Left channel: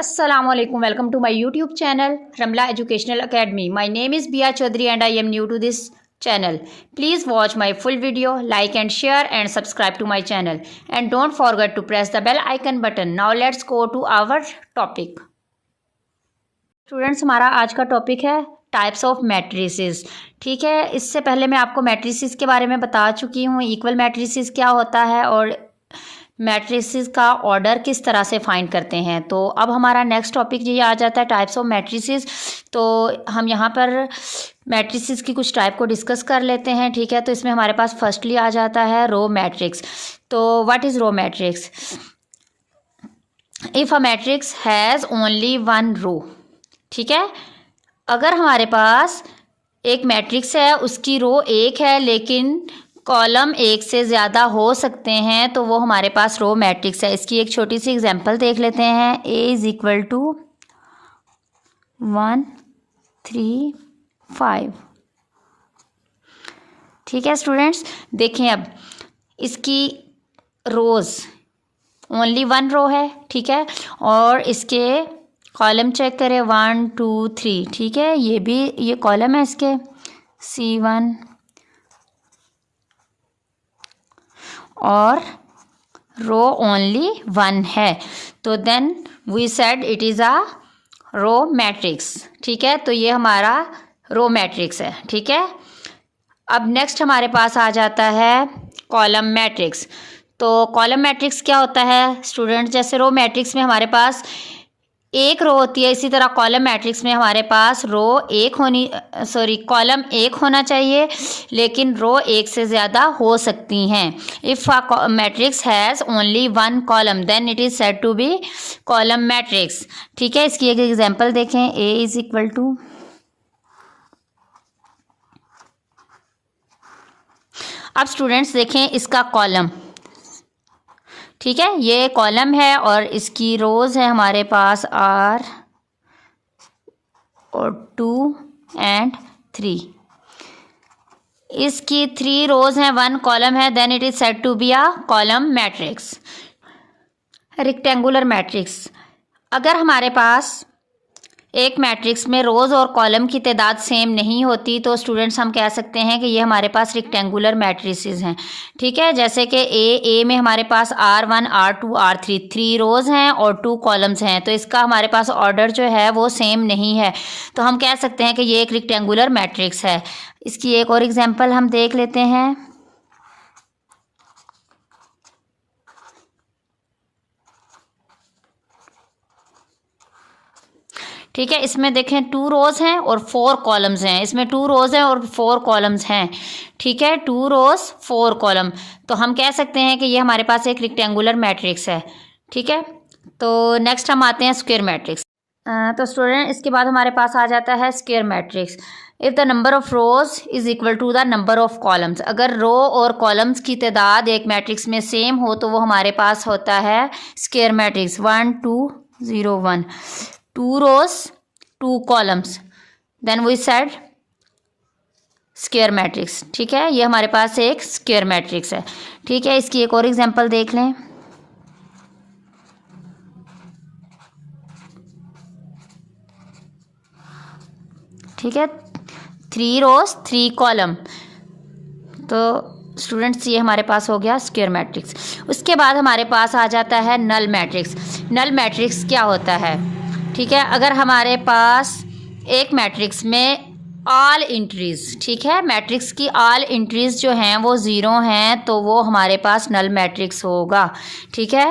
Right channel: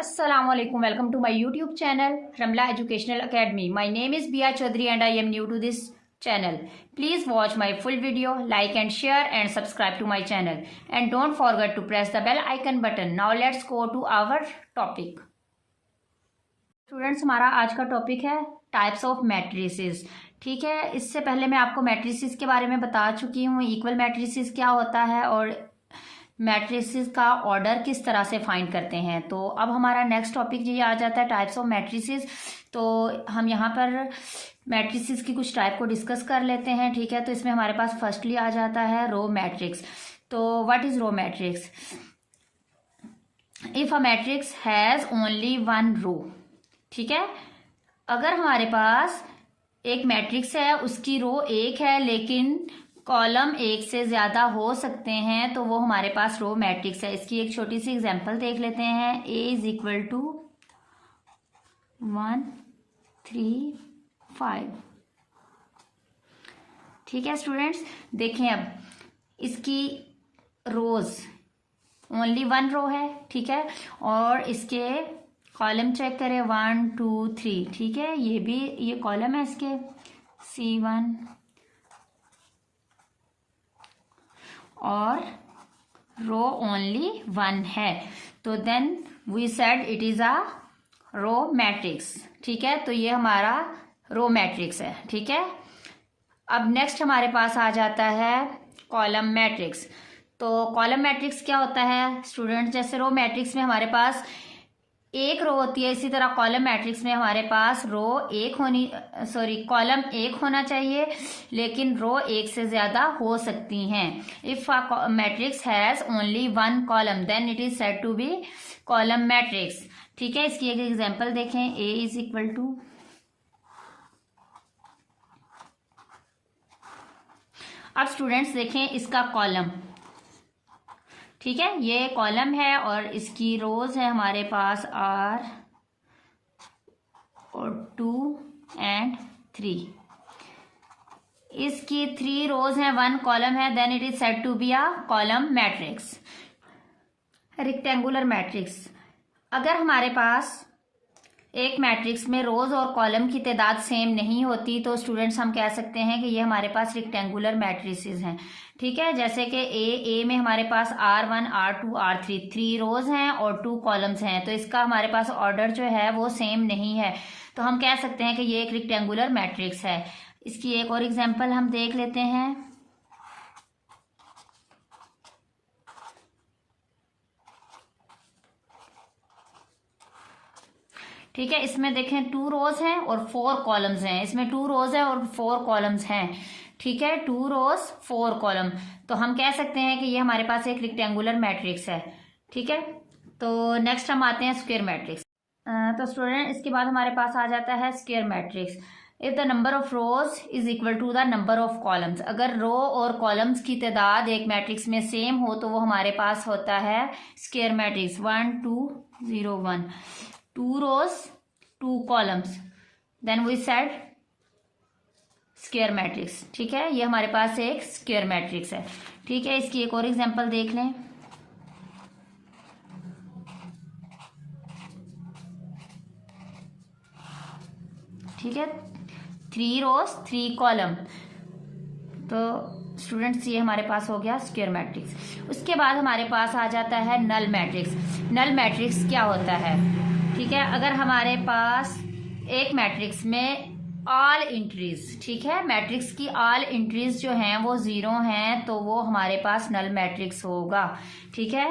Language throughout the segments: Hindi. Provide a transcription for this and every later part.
Assalamualaikum. Welcome to my YouTube channel Ramla Educational Academy. My name is Bia Chaudhary and I am new to this channel. Please watch my full video, like and share and subscribe to my channel. And don't forget to press the bell icon button. Now let's go to our topic. Students, हमारा आज का टॉपिक है टाइप्स ऑफ मैट्रिसेस। ठीक है, इससे पहले मैं आपको मैट्रिसेस के बारे में बता चुकी हूँ, इक्वल मैट्रिसेस क्या होता है और मैट्रिसेस का ऑर्डर किस तरह से फाइंड करते हैं। तो अब हमारा नेक्स्ट टॉपिक ये आ जाता है टाइप्स ऑफ मैट्रिसेस। तो हम यहाँ पर मैट्रिसेस की कुछ टाइप को डिस्कस कर लेते हैं। ठीक है, तो इसमें हमारे पास फर्स्टली आ जाता है रो मैट्रिक्स। तो what is row matrix? If a matrix has only one row. ठीक है, अगर हमारे पास एक मैट्रिक्स है, उसकी रो एक है लेकिन कॉलम एक से ज़्यादा हो सकते हैं, तो वो हमारे पास रो मैट्रिक्स है। इसकी एक छोटी सी एग्जांपल देख लेते हैं। A is equal to 1 3 5। ठीक है स्टूडेंट्स, देखें अब इसकी रोज़ ओनली वन रो है। ठीक है, और इसके कॉलम चेक करें 1 2 3। ठीक है, ये कॉलम है इसके C1 और रो ओनली वन है, तो then we said it is a row matrix. ठीक है, तो ये हमारा रो मैट्रिक्स है। ठीक है, अब नेक्स्ट हमारे पास आ जाता है कॉलम मैट्रिक्स। तो कॉलम मैट्रिक्स क्या होता है स्टूडेंट? जैसे रो मैट्रिक्स में हमारे पास एक रो होती है, इसी तरह कॉलम मैट्रिक्स में हमारे पास कॉलम एक होना चाहिए लेकिन रो एक से ज़्यादा हो सकती हैं। If a matrix has only one column then it is said to be column matrix. ठीक है, इसकी एक एग्जांपल देखें। ए इज़ इक्वल टू, अब स्टूडेंट्स देखें इसका कॉलम। ठीक है, ये कॉलम है और इसकी रोज़ है हमारे पास R और 2 एंड 3। इसकी 3 रोज़ हैं, 1 कॉलम है, then it is said to be a column matrix. Rectangular matrix, अगर हमारे पास एक मैट्रिक्स में रोज़ और कॉलम की तादाद सेम नहीं होती तो स्टूडेंट्स हम कह सकते हैं कि ये हमारे पास रेक्टेंगुलर मैट्रिसेस हैं। ठीक है, जैसे कि ए में हमारे पास R1 R2 R3 3 रोज़ हैं और 2 कॉलम्स हैं, तो इसका हमारे पास ऑर्डर जो है वो सेम नहीं है, तो हम कह सकते हैं कि ये एक रेक्टेंगुलर मैट्रिक्स है। इसकी एक और एग्जाम्पल हम देख लेते हैं। ठीक है, इसमें देखें 2 रोज़ हैं और 4 कॉलम्स हैं। इसमें 2 रोज़ हैं और 4 कॉलम्स हैं। ठीक है, 2 रोज़ 4 कॉलम, तो हम कह सकते हैं कि ये हमारे पास एक रेक्टेंगुलर मैट्रिक्स है। ठीक है, तो नेक्स्ट हम आते हैं स्क्वायर मैट्रिक्स। तो स्टूडेंट इसके बाद हमारे पास आ जाता है square matrix. If the number of rows is equal to the number of columns, अगर रो और कॉलम्स की तादाद एक मैट्रिक्स में सेम हो तो वो हमारे पास होता है square matrix. 1 2 0 1, 2 rows 2 columns, then we said square matrix. ठीक है, ये हमारे पास एक स्क्वायर मैट्रिक्स है। ठीक है, इसकी एक और एग्जांपल देख लें। ठीक है, 3 rows 3 column, तो स्टूडेंट्स ये हमारे पास हो गया स्क्वायर मैट्रिक्स। उसके बाद हमारे पास आ जाता है नल मैट्रिक्स। नल मैट्रिक्स क्या होता है? ठीक है, अगर हमारे पास एक मैट्रिक्स में ऑल इंट्रीज़, ठीक है, मैट्रिक्स की ऑल इंट्रीज़ जो हैं वो 0 हैं, तो वो हमारे पास नल मैट्रिक्स होगा। ठीक है,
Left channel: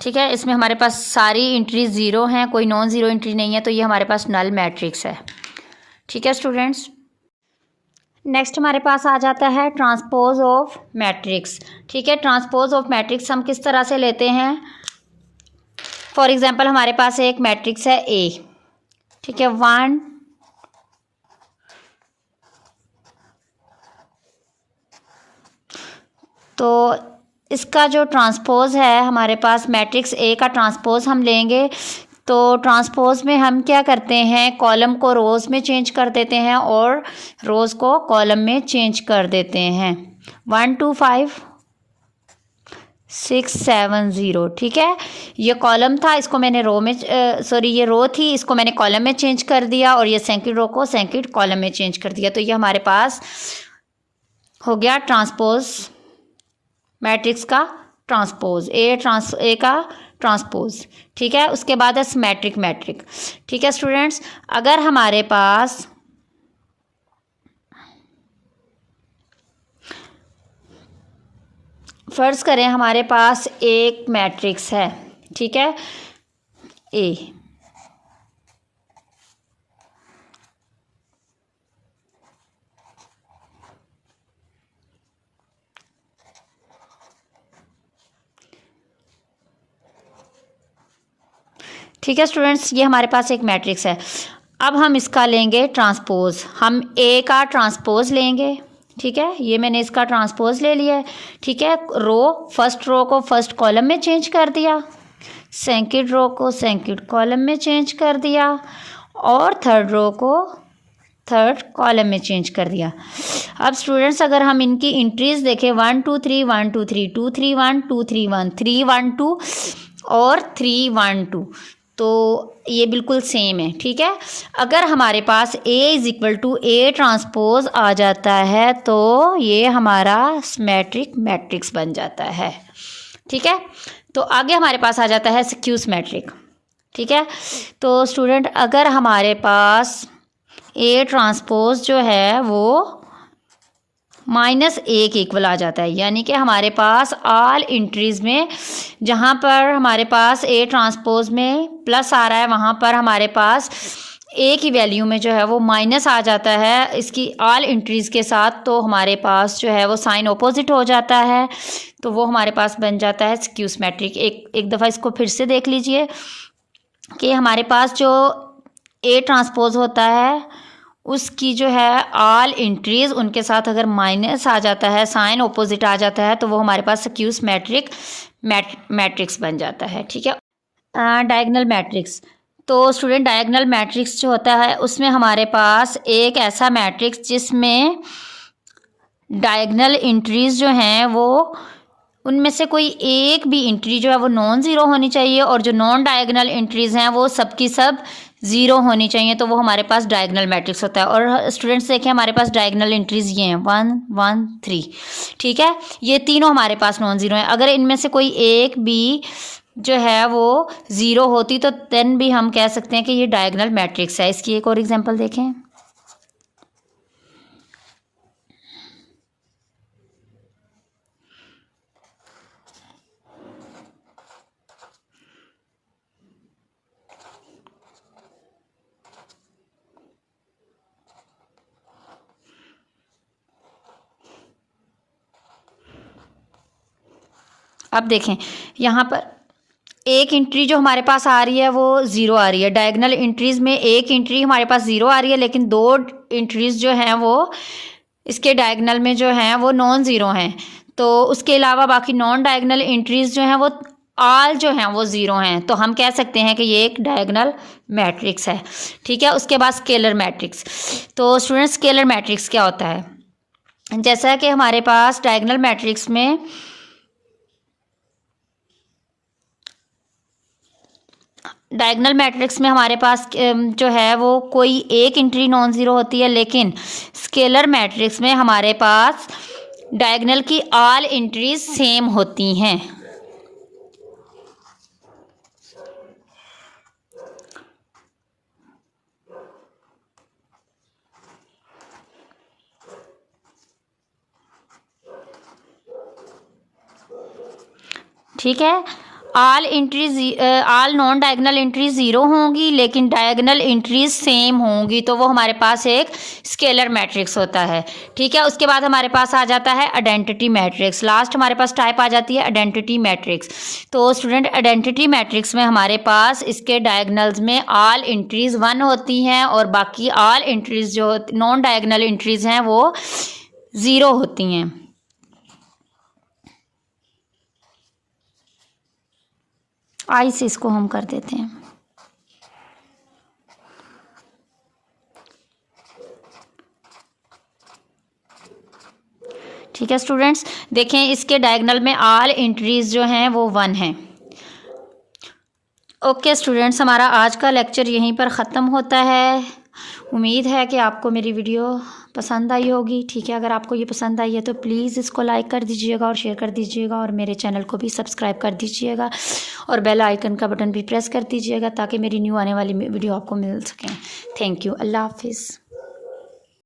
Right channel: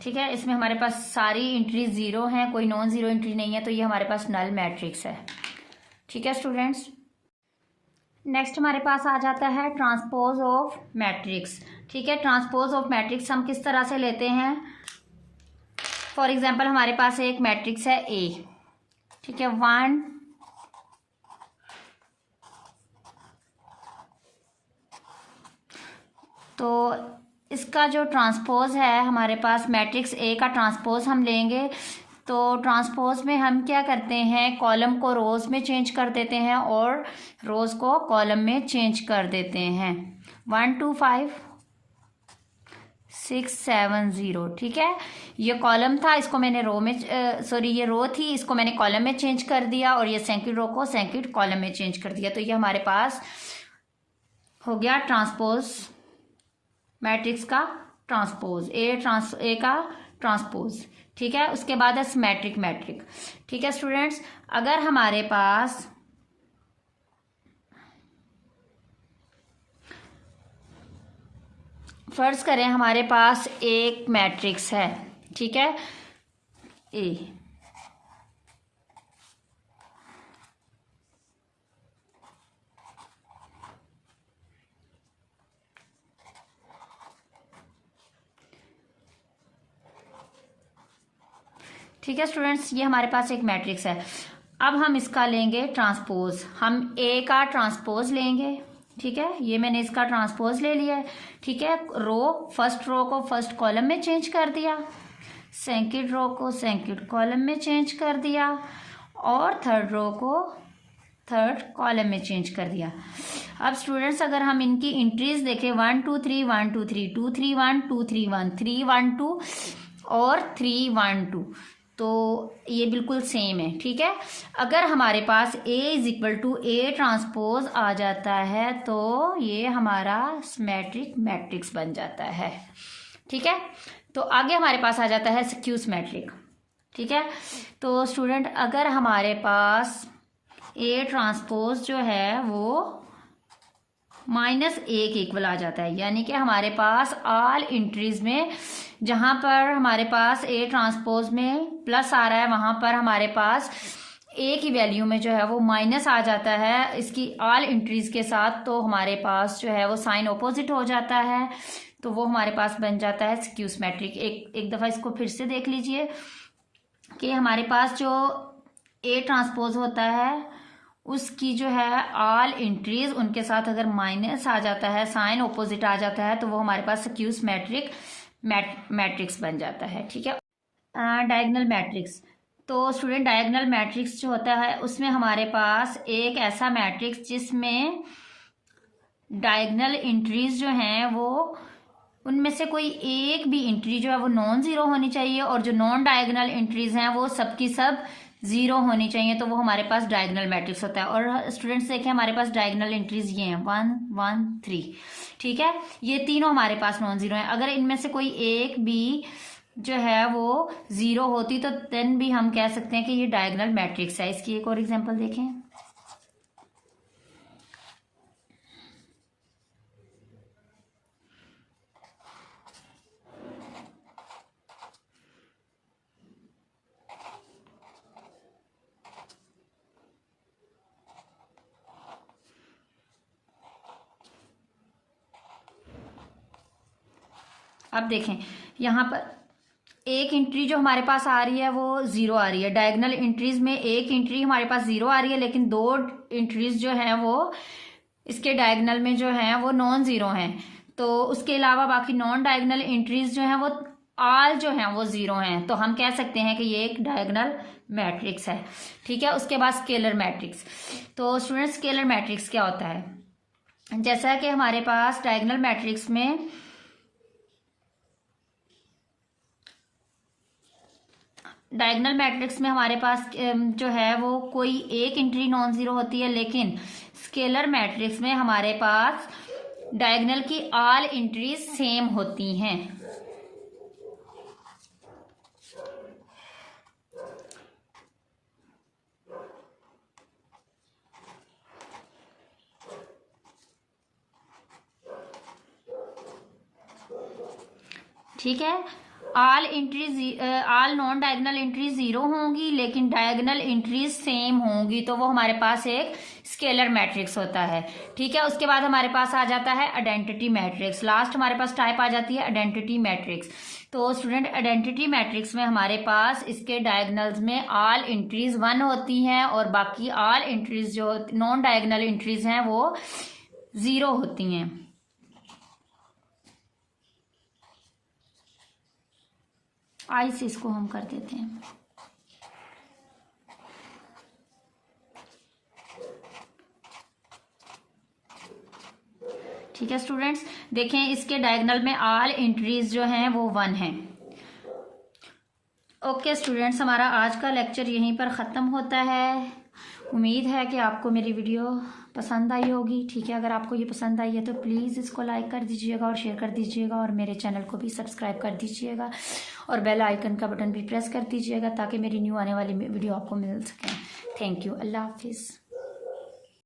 ठीक है, इसमें हमारे पास सारी इंट्रीज 0 हैं, कोई नॉन ज़ीरो इंट्री नहीं है, तो ये हमारे पास नल मैट्रिक्स है। ठीक है स्टूडेंट्स, नेक्स्ट हमारे पास आ जाता है ट्रांसपोज ऑफ मैट्रिक्स। ठीक है, ट्रांसपोज ऑफ मैट्रिक्स हम किस तरह से लेते हैं? फॉर एग्जांपल हमारे पास एक मैट्रिक्स है ए। ठीक है, 1 तो इसका जो ट्रांसपोज है हमारे पास मैट्रिक्स ए का ट्रांसपोज हम लेंगे तो ट्रांसपोज में हम क्या करते हैं, कॉलम को रोज़ में चेंज कर देते हैं और रोज़ को कॉलम में चेंज कर देते हैं। 1 2 5 6 7 0, ठीक है। ये कॉलम था, इसको मैंने रो में ये रो थी, इसको मैंने कॉलम में चेंज कर दिया और ये सेकंड रो को सेकंड कॉलम में चेंज कर दिया। तो ये हमारे पास हो गया ट्रांसपोज मैट्रिक्स का ट्रांसपोज, ए का ट्रांसपोज, ठीक है। उसके बाद है सिमेट्रिक मैट्रिक, ठीक है स्टूडेंट्स। अगर हमारे पास फर्ज करें हमारे पास एक मैट्रिक्स है, ठीक है, ए, ठीक है स्टूडेंट्स, ये हमारे पास एक मैट्रिक्स है। अब हम इसका लेंगे ट्रांसपोज, हम ए का ट्रांसपोज लेंगे, ठीक है। ये मैंने इसका ट्रांसपोज ले लिया है, ठीक है। फर्स्ट रो को फर्स्ट कॉलम में चेंज कर दिया, सेकंड रो को सेकंड कॉलम में चेंज कर दिया और थर्ड रो को थर्ड कॉलम में चेंज कर दिया। अब स्टूडेंट्स अगर हम इनकी इंट्रीज देखें, 1 2 3 1 2 3 2 3 1 2 3 1 3 1 2 और 3 1 2, तो ये बिल्कुल सेम है, ठीक है। अगर हमारे पास A is equal to A transpose आ जाता है तो ये हमारा सिमेट्रिक मैट्रिक्स बन जाता है, ठीक है। तो आगे हमारे पास आ जाता है स्क्यूज मैट्रिक, ठीक है। तो स्टूडेंट अगर हमारे पास ए ट्रांसपोज जो है वो -1 के इक्वल आ जाता है, यानी कि हमारे पास ऑल इंट्रीज में जहाँ पर हमारे पास ए ट्रांसपोज में प्लस आ रहा है वहाँ पर हमारे पास ए की वैल्यू में जो है वो माइनस आ जाता है इसकी ऑल इंट्रीज के साथ, तो हमारे पास जो है वो साइन ऑपोजिट हो जाता है, तो वो हमारे पास बन जाता है स्क्यूज मैट्रिक। एक दफ़ा इसको फिर से देख लीजिए कि हमारे पास जो ए ट्रांसपोज होता है उसकी जो है ऑल इंट्रीज उनके साथ अगर माइनस आ जाता है, साइन ऑपोजिट आ जाता है, तो वो हमारे पास स्क्यूज मैट्रिक्स बन जाता है, ठीक है। डायगोनल मैट्रिक्स, तो स्टूडेंट डायगोनल मैट्रिक्स जो होता है उसमें हमारे पास एक ऐसा मैट्रिक्स जिसमें डायगोनल इंट्रीज जो हैं वो उनमें से कोई एक भी इंट्री जो है वो नॉन ज़ीरो होनी चाहिए और जो नॉन डायगोनल इंट्रीज़ हैं वो सब की सब ज़ीरो होनी चाहिए, तो वो हमारे पास डायगोनल मैट्रिक्स होता है। और स्टूडेंट्स देखें हमारे पास डायगोनल इंट्रीज़ ये हैं 1 1 3, ठीक है। ये तीनों हमारे पास नॉन ज़ीरो हैं। अगर इनमें से कोई एक भी जो है वो ज़ीरो होती तो देन भी हम कह सकते हैं कि ये डायगोनल मैट्रिक्स है। इसकी एक और एग्जांपल देखें, अब देखें यहाँ पर एक इंट्री जो हमारे पास आ रही है वो ज़ीरो आ रही है। डायगोनल इंट्रीज़ में एक इंट्री हमारे पास ज़ीरो आ रही है, लेकिन दो इंट्रीज़ जो हैं वो इसके डायगोनल में जो हैं वो नॉन ज़ीरो हैं। तो उसके अलावा बाकी नॉन डायगोनल इंट्रीज़ जो हैं वो ऑल जो हैं वो ज़ीरो हैं, तो हम कह सकते हैं कि ये एक डायगोनल मैट्रिक्स है, ठीक है। उसके बाद स्केलर मैट्रिक्स, तो स्टूडेंट स्केलर मैट्रिक्स क्या होता है, जैसा कि हमारे पास डायगोनल मैट्रिक्स में हमारे पास जो है वो कोई एक इंट्री नॉन ज़ीरो होती है, लेकिन स्केलर मैट्रिक्स में हमारे पास डायगोनल की ऑल इंट्रीज सेम होती हैं। ठीक है, all non diagonal entries zero होंगी लेकिन डायगोनल एंट्रीज सेम होंगी, तो वो हमारे पास एक स्केलर मैट्रिक्स होता है। ठीक है, उसके बाद हमारे पास आ जाता है आइडेंटिटी मैट्रिक्स। लास्ट हमारे पास टाइप आ जाती है आइडेंटिटी मैट्रिक्स। तो स्टूडेंट आइडेंटिटी मैट्रिक्स में हमारे पास इसके डायगोनल्स में ऑल एंट्रीज 1 होती हैं और बाकी ऑल एंट्रीज जो नॉन डायगोनल एंट्रीज हैं वो 0 होती हैं। आई से इसको हम कर देते हैं। ठीक है स्टूडेंट्स, देखें इसके डायगोनल में ऑल एंट्रीज जो हैं वो 1 हैं। ओके स्टूडेंट्स, हमारा आज का लेक्चर यहीं पर ख़त्म होता है। उम्मीद है कि आपको मेरी वीडियो पसंद आई होगी। ठीक है, अगर आपको ये पसंद आई है तो प्लीज़ इसको लाइक कर दीजिएगा और शेयर कर दीजिएगा, और मेरे चैनल को भी सब्सक्राइब कर दीजिएगा, और बेल आइकन का बटन भी प्रेस कर दीजिएगा ताकि मेरी न्यू आने वाली वीडियो आपको मिल सकें। Thank you. अल्लाह हाफिज़।